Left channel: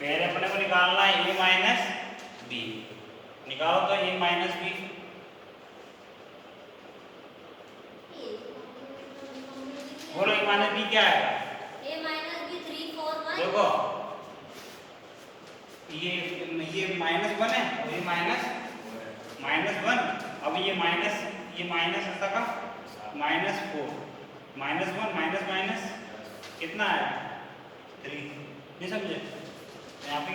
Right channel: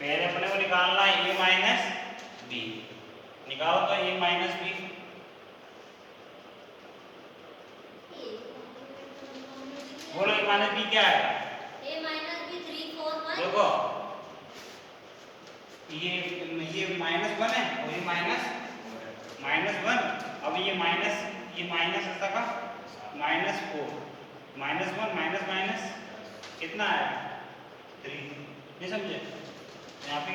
पहले अपने को निकालना है a माइनस बी। निकालो तो a माइनस बी। बोलो a माइनस बी क्या है? a minus B 3 4 1। देखो ये माइनस वन है और ये माइनस वन। अब ये माइनस ऐसा का minus four minus one minus minus कितना है 3। ये समझे? यहाँ पे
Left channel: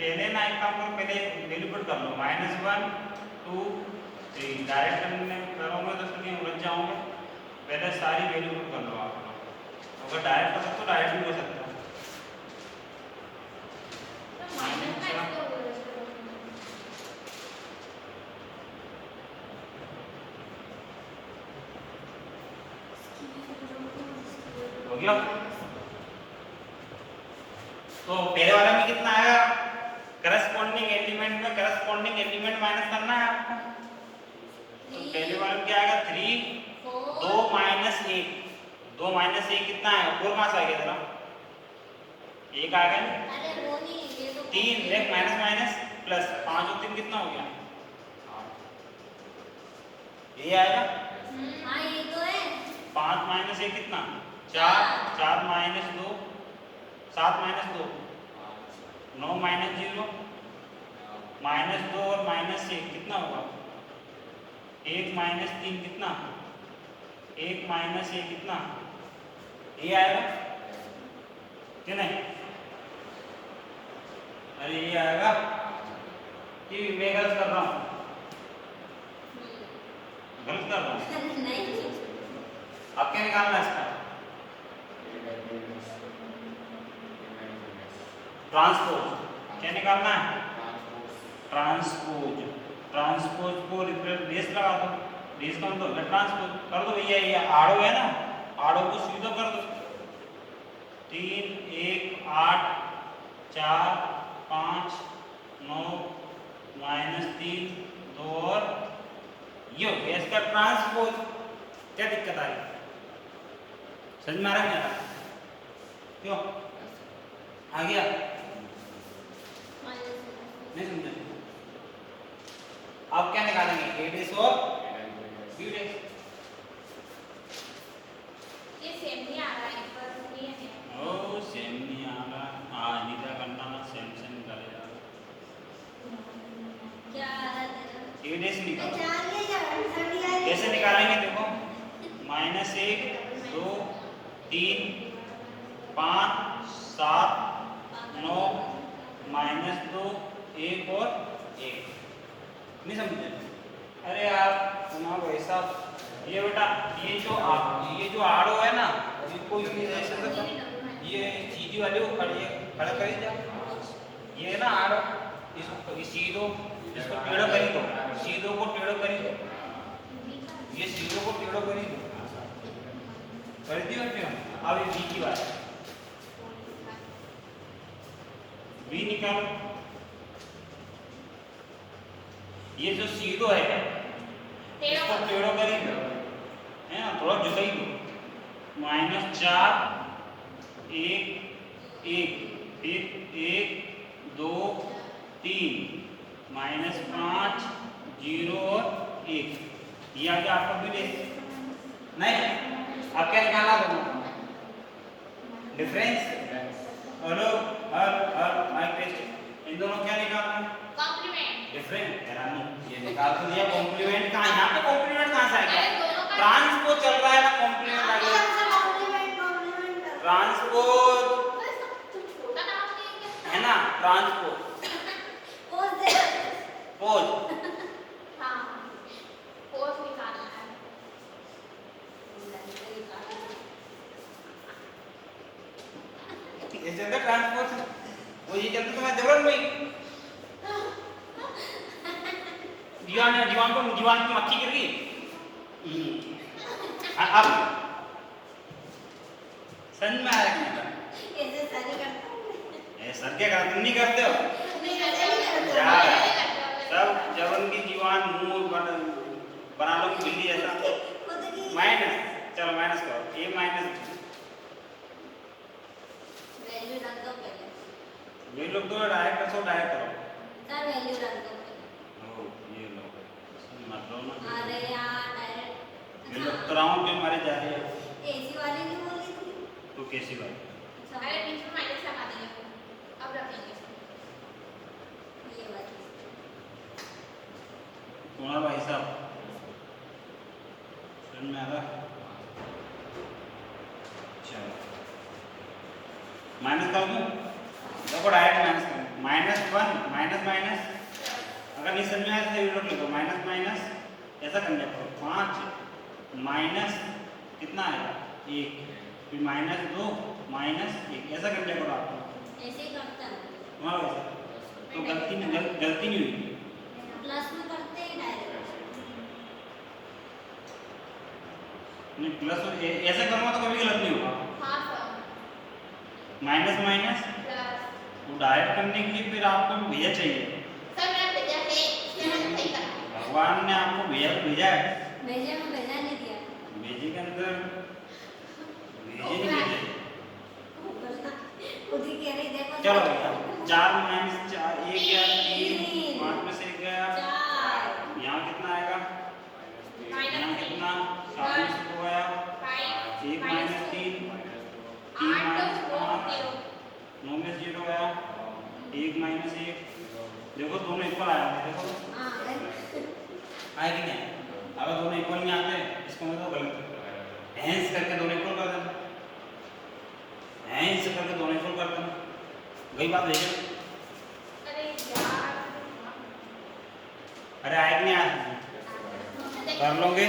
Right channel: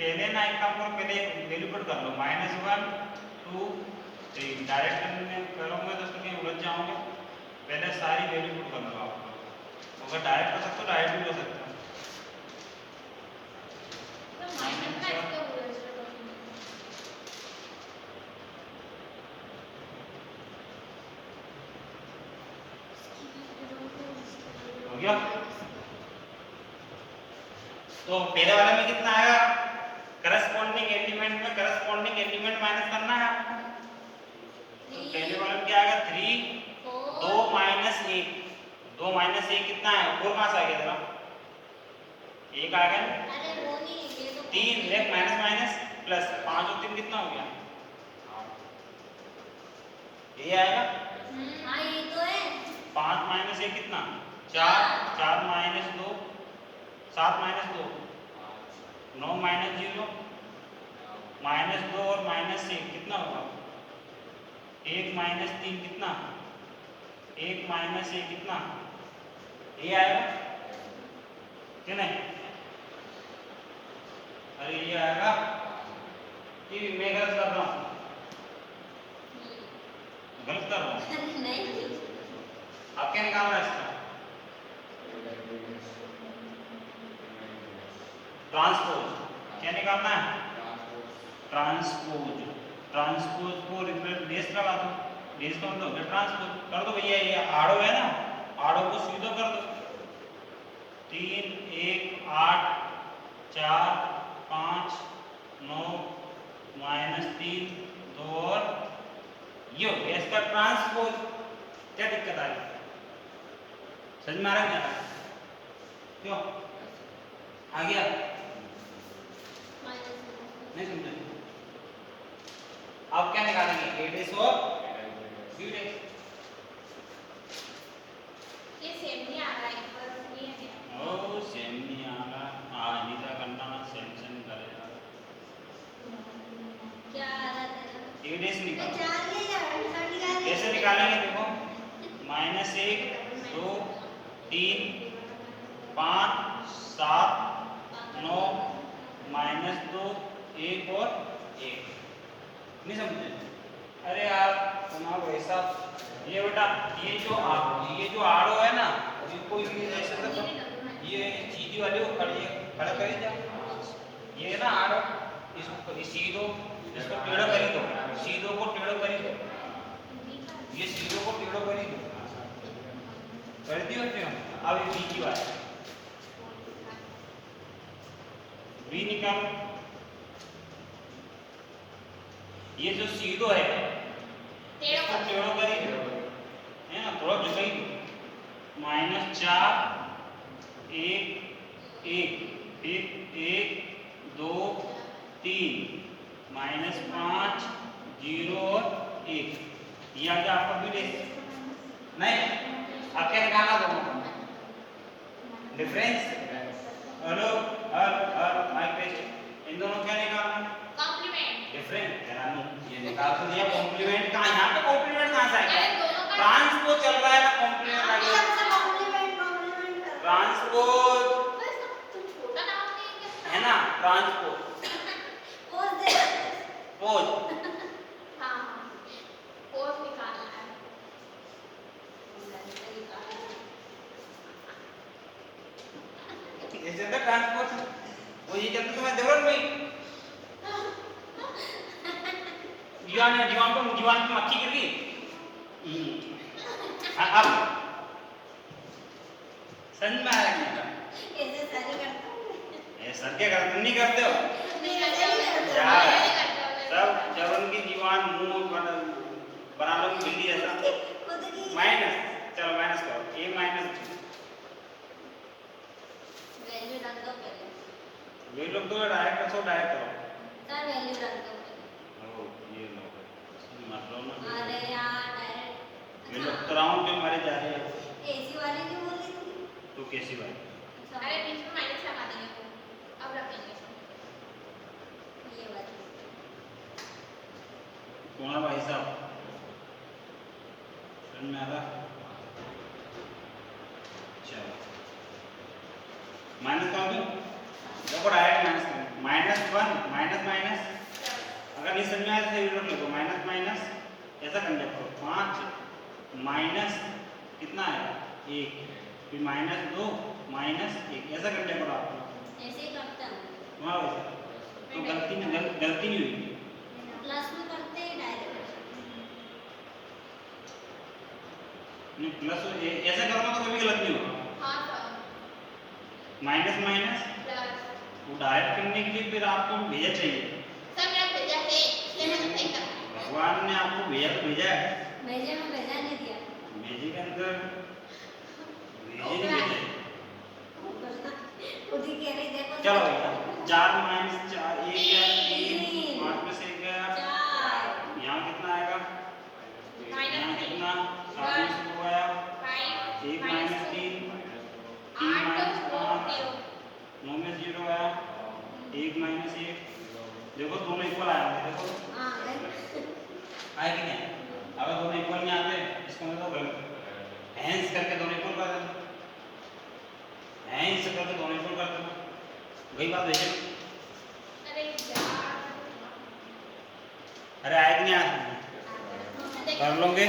पहले ना एक काम करो, पहले वैल्यू पुट कर लो -1 2 3। डायरेक्ट करने करोगे तो उसमें उलझ जाओगे। पहले सारी वैल्यू पुट कर लो आप लोग। अगर डायरेक्ट कर सकते हो डायरेक्ट भी कर सकते हो। हो गया? तो पहले वाले में कितना आएगा? करस्पॉन्डिंग एलिमेंट में करस्पॉन्डिंग एलिमेंट माइनस करना है आपको। तो पहले वाले में क्या आएगा 3 2 माइनस 1। 2 माइनस 1 कितना है? 4 कहाँ से आ गया जरा? 1 आएगा ना? अरे वो नहीं, ये तो 3 1 माइनस माइनस प्लस 5 और 3 कितना हो गया? ये आएगा। हाँ ये तो है। 5 माइनस 1 कितना? 4 4 माइनस 2 7 माइनस 2 9 माइनस 0 माइनस 2 और माइनस 1 कितना होगा? 1 माइनस 3 कितना? 1 माइनस 1 कितना? ये आएगा कि नहीं? अरे ये आएगा कि मैं गलत कर रहा हूँ? गलत कर रहा हूँ? नहीं अब क्या निकालना इसका? ट्रांसपोज। क्या निकालना है? ट्रांसपोज। ट्रांसपोज को रिप्लेस बेस लगा दो। बेस का मतलब ट्रांसपोज कर दो भैया। ये आड़ो है ना, आड़ो को सीधा कर दो। 3 1 8 4 5 9 -3 2 और ये हो गया इसका ट्रांसपोज। क्या दिक्कत आ रही है? समझ में आ रहा है? क्यों आ गया? नहीं समझे? अब क्या निकालेंगे? a डेश और b डेश। ये सेम नहीं आ रहा है, पर ये है। ओ सेम नहीं आ रहा। नहीं था करना मैं सेम निकालेगा। क्या आ रहा है? a डेश निकालो। जान ले जा कैसे निकालेंगे? देखो -1 2 3 5 7 9 -2 1 और 1। नहीं समझे? अरे यार तुम्हारा ऐसा ये बेटा ये जो आड़ो है ना, इसको ऐसे तो ये सीधी वाले को खड़ा करी जा। ये है ना आड़ो, इसको सीधो इसको टेढ़ो करी दो। सीधो को टेढ़ो करी दो। ये सीधो को टेढ़ो करी दो। कर दी बेटे हम। अब ये बी की बात है। बी निकालो। ये जो सीधो है इसको टेढ़ो करी दो, है ना, थोड़ा झुकाई दो। -4 1 1 1 2 3 -5 0 और 1। ये आगे आपका भी ले नहीं। अब क्या निकालना दोनों? डिफरेंस। हेलो इन दोनों क्या निकालना? कॉम्प्लीमेंट। डिफरेंट। ये निकाल तो दिया। कॉम्प्लीमेंट कहाँ? यहाँ पे कॉम्प्लीमेंट कहाँ से आ गया? ट्रांसपोज चल रहा है ना, कॉम्प्लीमेंट आ गया। ट्रांसपोज है ना, ट्रांसपोज पोज। ये जगह ट्रांसपोज वो ये करते तुम्हें जरूरत नहीं। जीवान की मक्खी गिर गई। अब समझ में आया क्या? सर क्या करते? तुम नहीं करते हो यार? सब जब उनकी दीवान मुंह बना लो बिल्ली जैसा। माइनस, चलो माइनस करो। a माइनस वही लोग तो डायरेक्ट रखो, डायरेक्ट करो। सर वैल्यू रख दो। ओ ये लो, मतलब अरे यार डायरेक्ट ये लोग तो राउंड में मारे जा रहे हैं। एसी वाली जो बोली थी तो कैसी बात? अरे बीच में माइनस लगा देंगे अब रखेंगे ये वाली कौन भाई साहब समझ में आ रहा? चलो माइनस का होगा, देखो डायरेक्ट माइनस करें, माइनस वन माइनस माइनस, अगर नहीं समझ में आया तो ये लोग लिखो माइनस माइनस, ऐसा करना करो 5 माइनस कितना है 1, फिर माइनस 2 माइनस 1, ऐसा करने करो आप। ऐसे ही करता है हाँ तो गलती नहीं हुई। प्लस में करते हैं डायरेक्ट नहीं प्लस ऐसा करूँगा तो कभी गलत नहीं होगा। हाँ सर माइनस माइनस प्लस वो डायरेक्ट करने के लिए फिर आपको भेजा चाहिए, सर मैं भेजा है भगवान ने आपको भेजा है। भेजे में भेजा नहीं दिया भेजे के अंदर भेजे नहीं भेजे। खुद ही कह रही देखो चलो 4 माइनस 4 1 गया 3 5 में से 1 गया, 4 यहाँ कितना आएगा, यहाँ कितना 7 में से 2 गया, 1 माइनस 3 माइनस 5 9 में 0 गया, 1 माइनस 1, देखो दोनों इक्वल आया, देखो आए कि नहीं? अगर दोनों इक्वल नहीं आते इसका मतलब गलत है। हैंस करके दोनों इक्वल कर देना, हैंस करके दोनों इक्वल कर देना, वही बात है। अरे आए कि नहीं आए कर लोगे।